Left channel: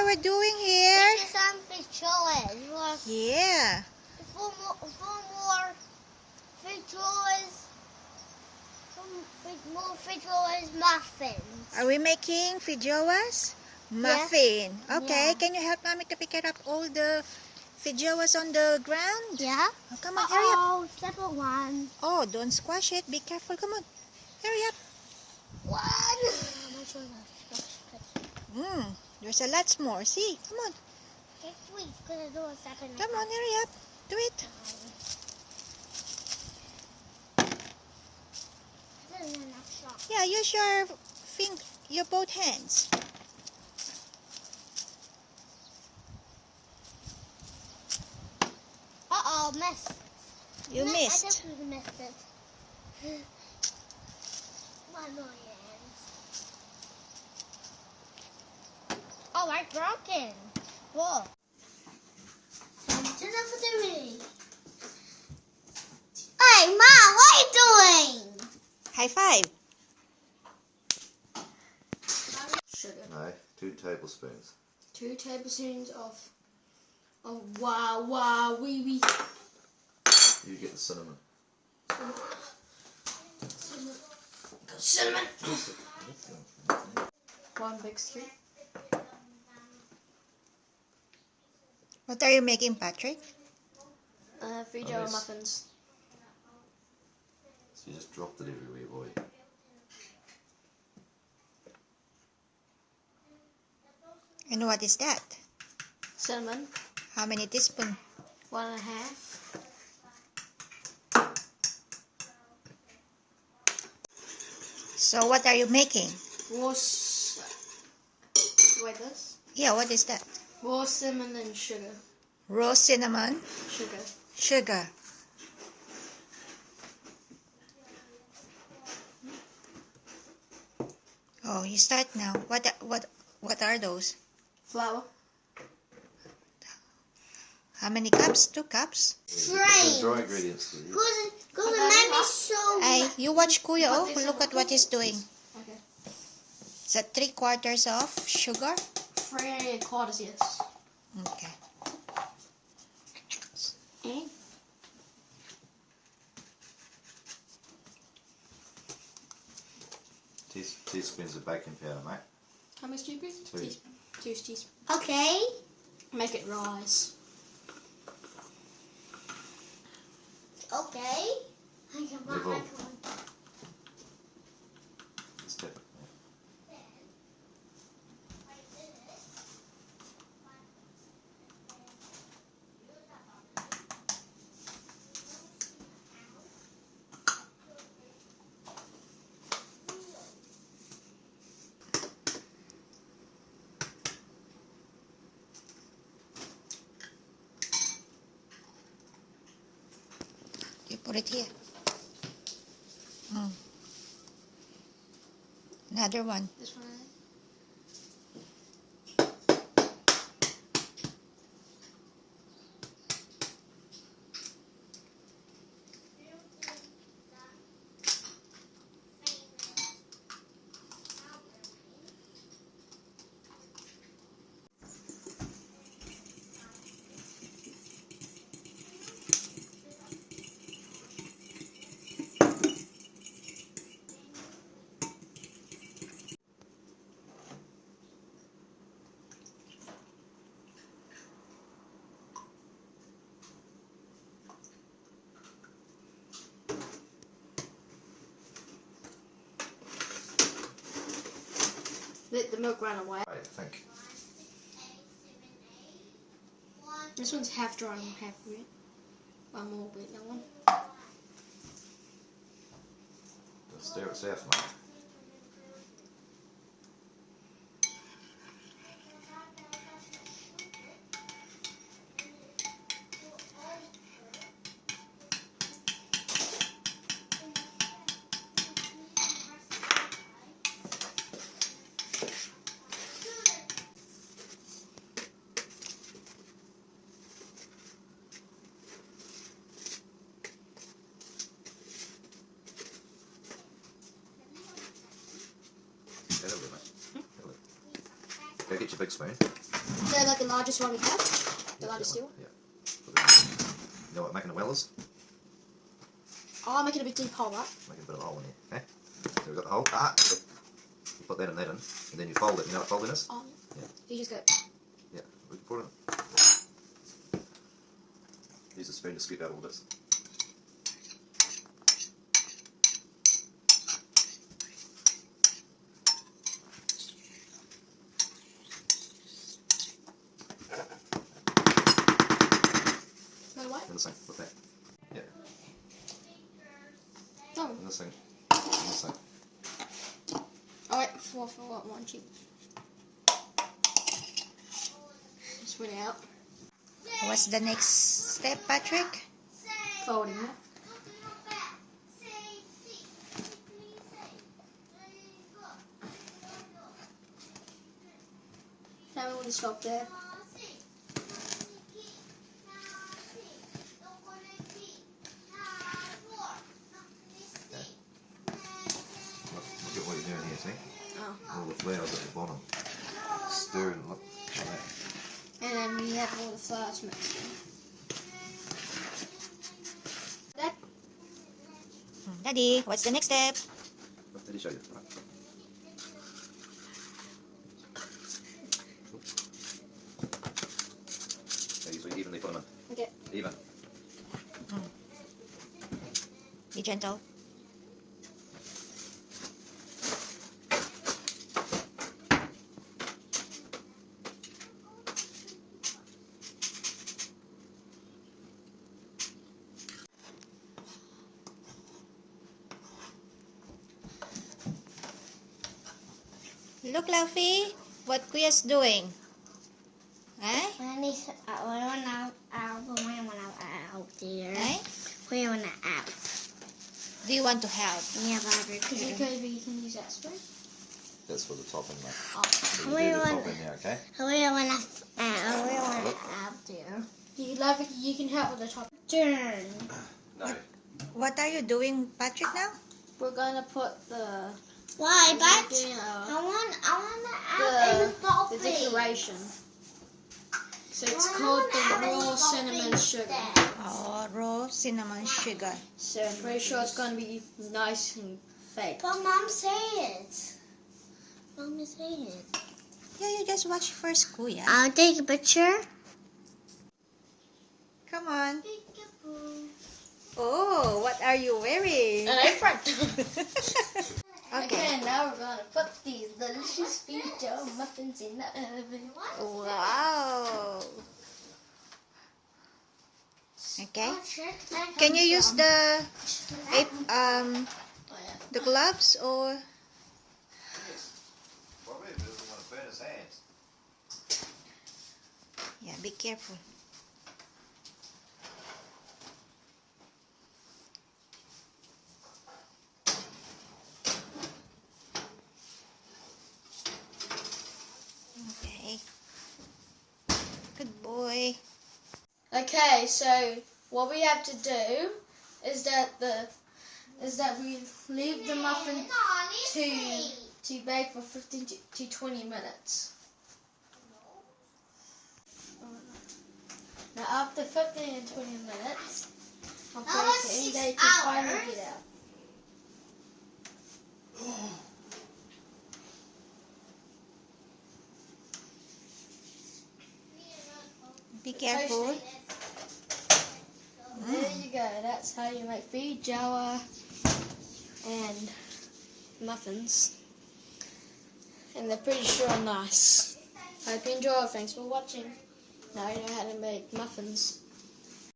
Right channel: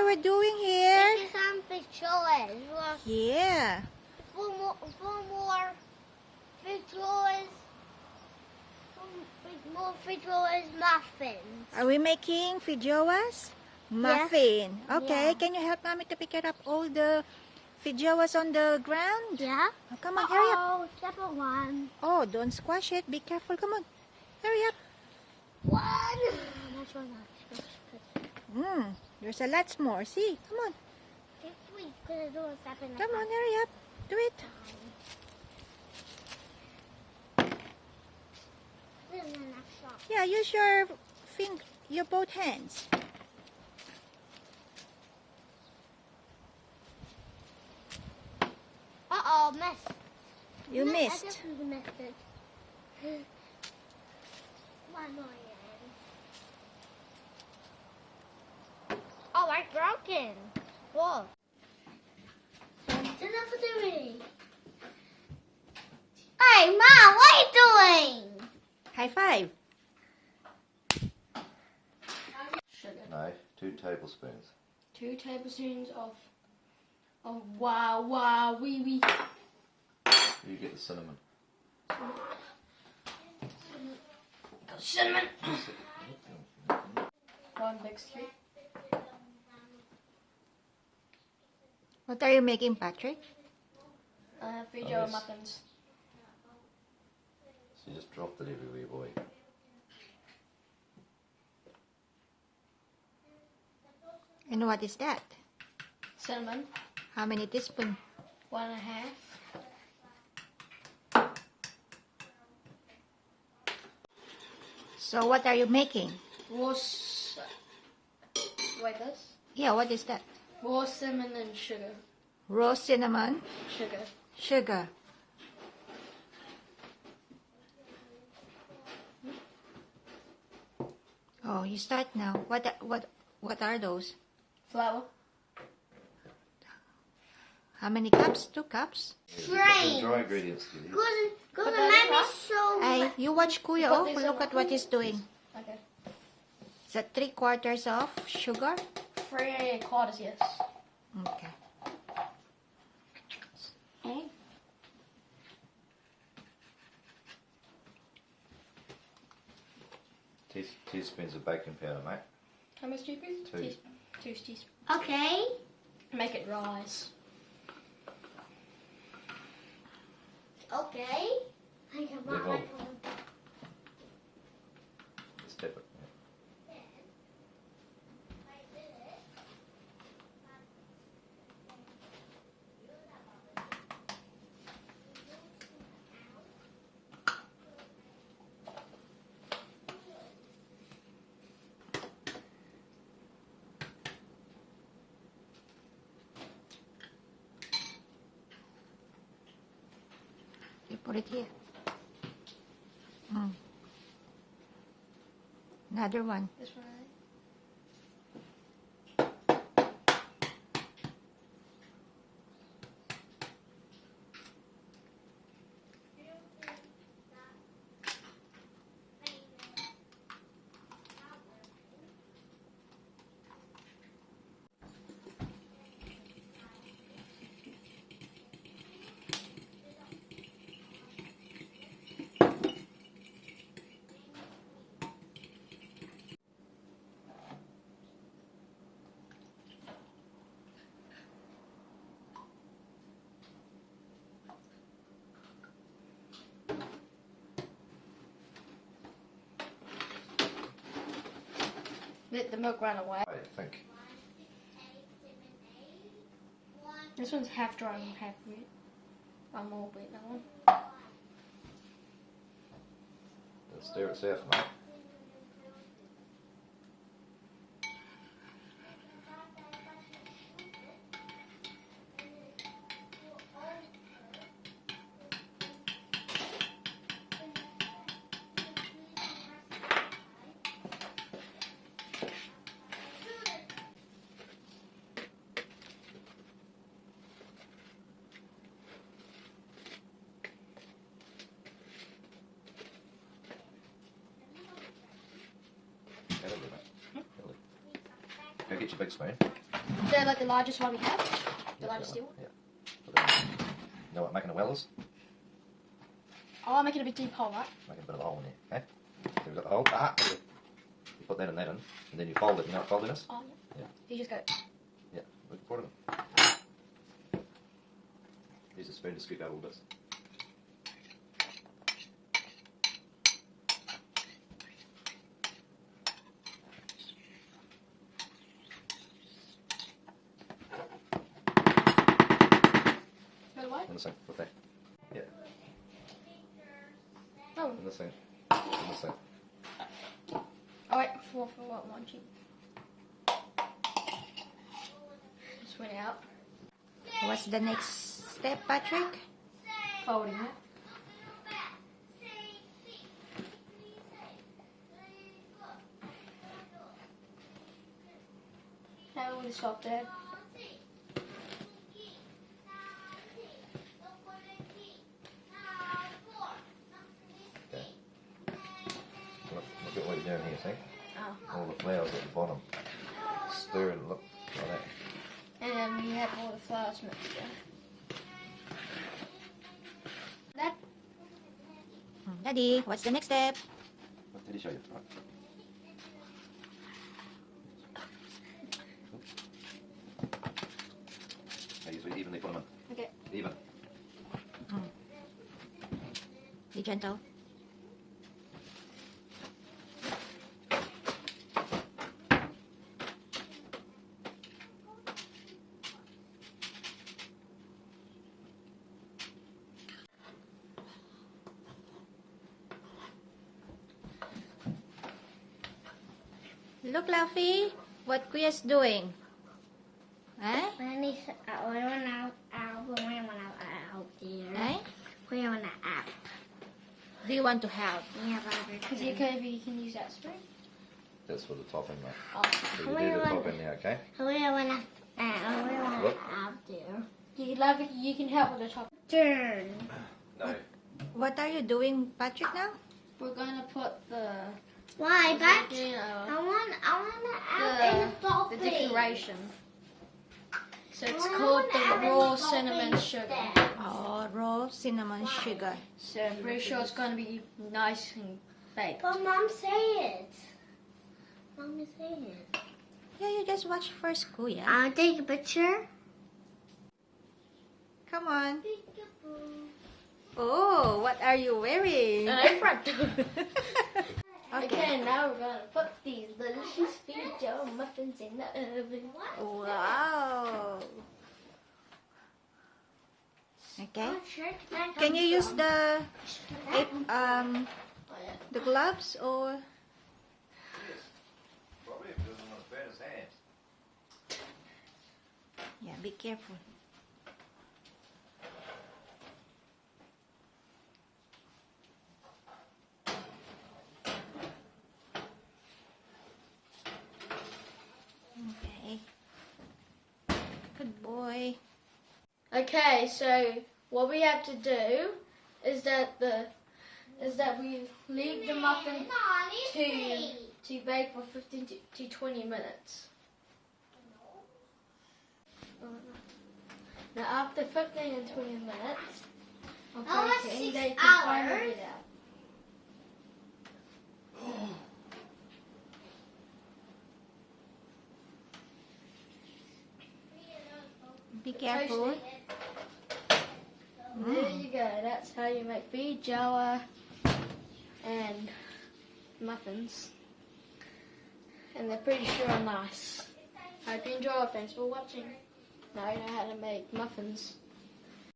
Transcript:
are we doing here? This is some Fejoas. Look. Yeah. Four more Fejoas. More Fejoas muffins. Are we making Fejoas? Muffin. Okay, Yeah. can you help mommy to pick it up all the Fejoas on the ground? Yeah. Oh, come on, hurry up. Oh, separate one. Oh, don't squash it. Be careful. Come on. Hurry up. One. There's a lot more. See, come on. It's sweet because I do a separate. Come on, hurry up. Do it. Yeah, use your both hands. Uh-oh, missed. You I missed. definitely missed it. One more hand. Oh, I'm broken. Whoa. Just enough for me. Hey, Mom, what are you doing? High five. Sugar. No, 2 tablespoons. 2 tablespoons of wow wee. You get the cinnamon. Cinnamon. 1 big scoop. What are you making, Patrick? Fejoa Nice. muffins. So you just dropped it everywhere, boy. And what is that? Cinnamon. How many teaspoons? 1.5. So what are you making? Wait, this? Yeah, what is that? Raw cinnamon and sugar. Raw cinnamon, Sugar. sugar. Oh, you start now. What are those? Flour. How many cups? 2 cups? Strange. Dry ingredients. Please. Because the man is so... Hey, you watch Kuya. Oh, look at what he's doing. Okay. Is that 3/4 of sugar? 3/4, yes. Okay. And Teaspoons of baking powder, mate. how much teaspoons? 2. 2 teaspoons. Okay. Make it rise. Okay. I can buy Level. my phone. Step it. You put it here. Another one. This one. Let the milk run away. I think. This one's half dry and half wet. One more wet, that one. Stir it south, mate. get your big spoon. Is that like the largest one we have? The largest steel? Yeah. You know what making a well is? Oh, I'm making a big deep hole, right? Making a bit of a hole in there. So we've got the hole. You put that in, and then you fold it. You know what folding is? Oh, Yeah. You just go. Yeah. We can put it in. Use a spoon to scoop out all this. Go away. In the sink with that. Yeah. Oh. In the sink. In the sink. Oh wait, for one cheap. Just went out. What's the next step, Patrick? Folding it. Now I'm going to stop there. Look at what you're doing here, see? Oh. All the flowers at the bottom. Stir and look like that. And then we have all the flowers mixed in. That Daddy, what's the next step? What did he show you? Yeah, you evenly put them in. okay. Even. Be gentle. Look, Luffy, what Kuya's doing. Eh? When I out there. Eh? We want to out. Do you want to help? Yeah, but Because you can use that spoon. That's for the topping, mate. Oh. So you do the topping there, okay? we want to Look. out there. You can help with the top. Turn. No. What are you doing, Patrick, now? We're gonna put the Why, but you I know, want to out in the top the decoration. So it's Well, called I the wanna add raw any cinnamon toppings sugar. then. Oh, raw cinnamon sugar. So I'm pretty sure it's gonna be nice and baked. But Mom, say it. Mom, say it. Yeah, you just watch first, Kuya. I'll take a picture. Come on. Oh, what are you wearing? An apron. Okay. Okay, now we're gonna put these delicious Fejoa muffins in the oven. Wow. Okay. Oh, Can you use the Oh, yeah. the gloves or? Probably if he doesn't want to burn his hands. Yeah, be careful. Okay. Good boy. Okay, so what we have to do is that we leave the muffin to bake for 15 to 20 minutes. Now after 15 and 20 minutes of baking, they can finally get out. Be careful. There you go. That's how you make Fejoa and muffins. And they're pretty sure nice. Hope you enjoy. Thanks for watching. Now you know how to make muffins.